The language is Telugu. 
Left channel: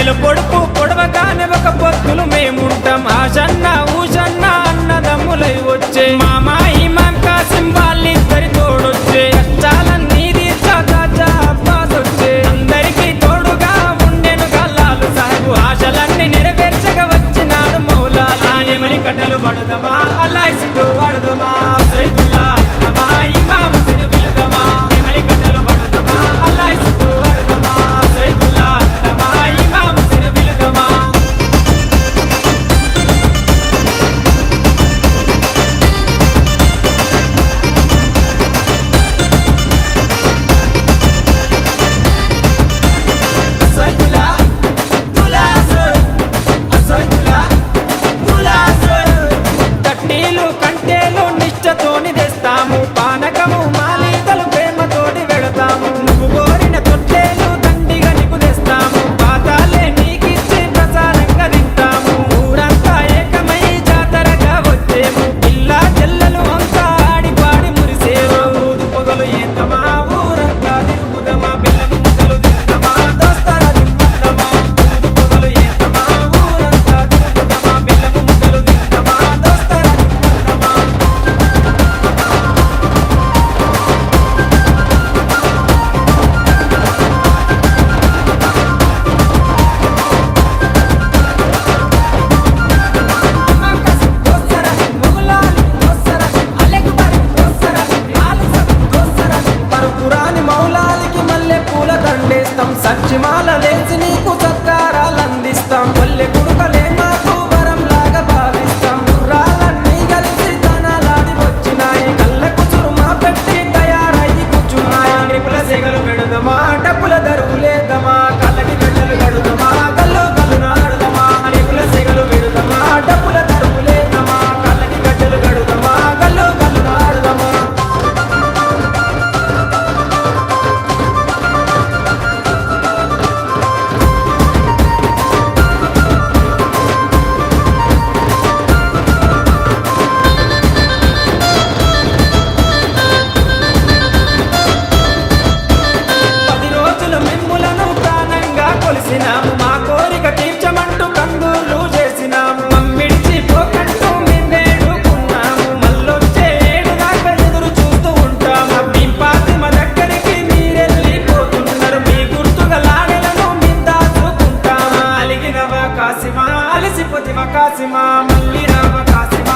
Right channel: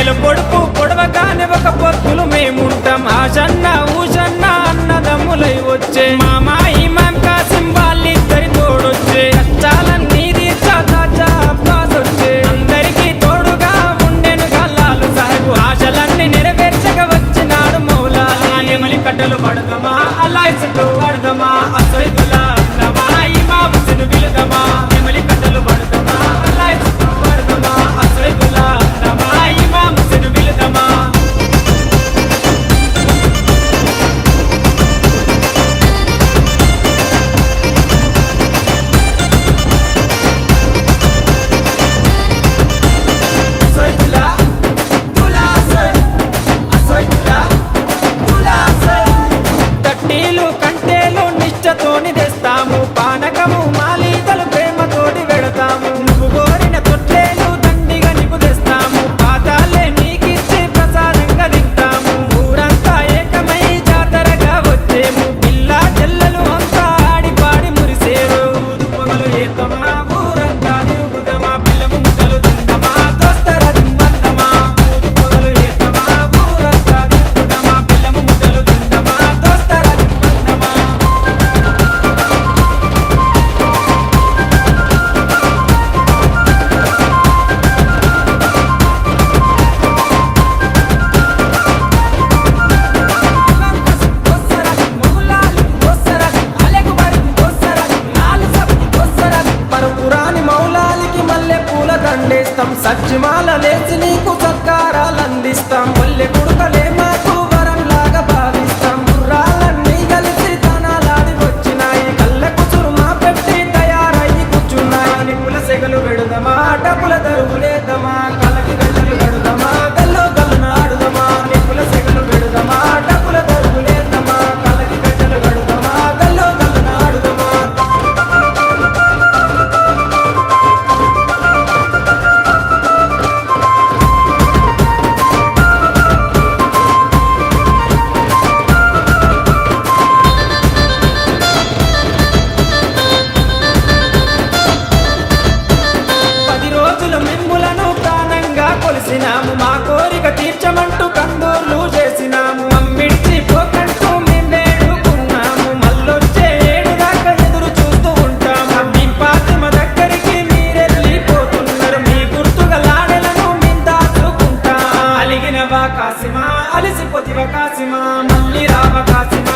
నెల పొడుపు పొడవగానే ఒక పొత్తులు మేముంటాం ఆషన్న ఊషన్న అన్నదమ్ములై వచ్చే మామా ఇమాం కాసిం వాళ్ళిద్దరి తోడొచ్చే కష్టాలన్నీ తీర్చాచా అబ్బాస్ వచ్చే అందరికీ తోడుగా ఉండెను గల్లాలు సాహెబు ఆశలన్నీ నెరవేర్చగా వచ్చినాడు మౌలాలి ఎమలి కట్టెలు పడదమా అల్లాహ్ సిగ్గు పడదమా సైదుల్లా అన్నమా ఇమాం హుస్సేన్ బిలదమా ఎమలి కట్టెలు పడదమా అల్లాహ్ సిగ్గు పడదమా సైదుల్లా అన్నమా ఇమాం హుస్సేన్ బిలదమా సైదుల్లా తట్టీలు కంటేలు నిష్టతోని తెస్తాము పానకము మాలీతలు ప్రేమతోటి వెళతాము నువ్వు కోరిన తొట్లేలు దండిగా నీకు తెస్తాము పాతాలే నీకిచ్చి ప్రసాదంగా తింటాము ఊరంతా ఏకమై జాతరగా వచ్చేము పిల్ల చెల్లెలు అంతా ఆడి పాడి మురిసేరు పొగలు ఏతమా ఊరంతా తిరుగుదమా బెల్లముక్కలు తిందమా దోస్తర దింపందమా పొగలు ఏతమా ఊరంతా తిరుగుదమా బెల్లముక్కలు తిందమా దోస్తర దింపందమా పరుపురాని మౌలాలికి మల్లె పూల దండేస్తాం సచ్చిమాల లేచి నీకు సత్కారాలు అందిస్తాం కొల్లె కుడుకలే మాకు వరం లాగా భావిస్తాం గుర్రాలన్నీ కలిసి తనాలాడి వచ్చినాయి కళ్ళ కుసురు మా పెట్టి తయారయ్యి కూర్చున్నాయి నిపుల సెగలు పెడదమా డబ్బుల దరువులేదమా కళ్ళకి గడ్డలు కడదమా కళ్ళు కళ్ళు నాడుదమా నిపుల సెగలు పెడదమా డబ్బుల దరువులేదమా కళ్ళకి గడ్డలు కడదమా కళ్ళు కళ్ళు నాడుదమా మిమ్ములను ప్రాణంగా కొలిసినాము మా కోరిక తీర్చమంటూ కందూర్లు చేసినాము మమ్మిడిచి పోకంటూ మేము వేడుకున్నాము మళ్ళొచ్చే ఏడు దాకా ఎదురు చూస్తూ ఉంటాము మేము పాతిమ దగ్గరికి మీరెళ్ళిపోతున్నారు మీ గుర్తుగా లాడెలను మేము దాచుకుంటాము అలిగినవా కాసిమా అలిసిపోతివా కాసిమా మళ్ళీ రావ కాసిమా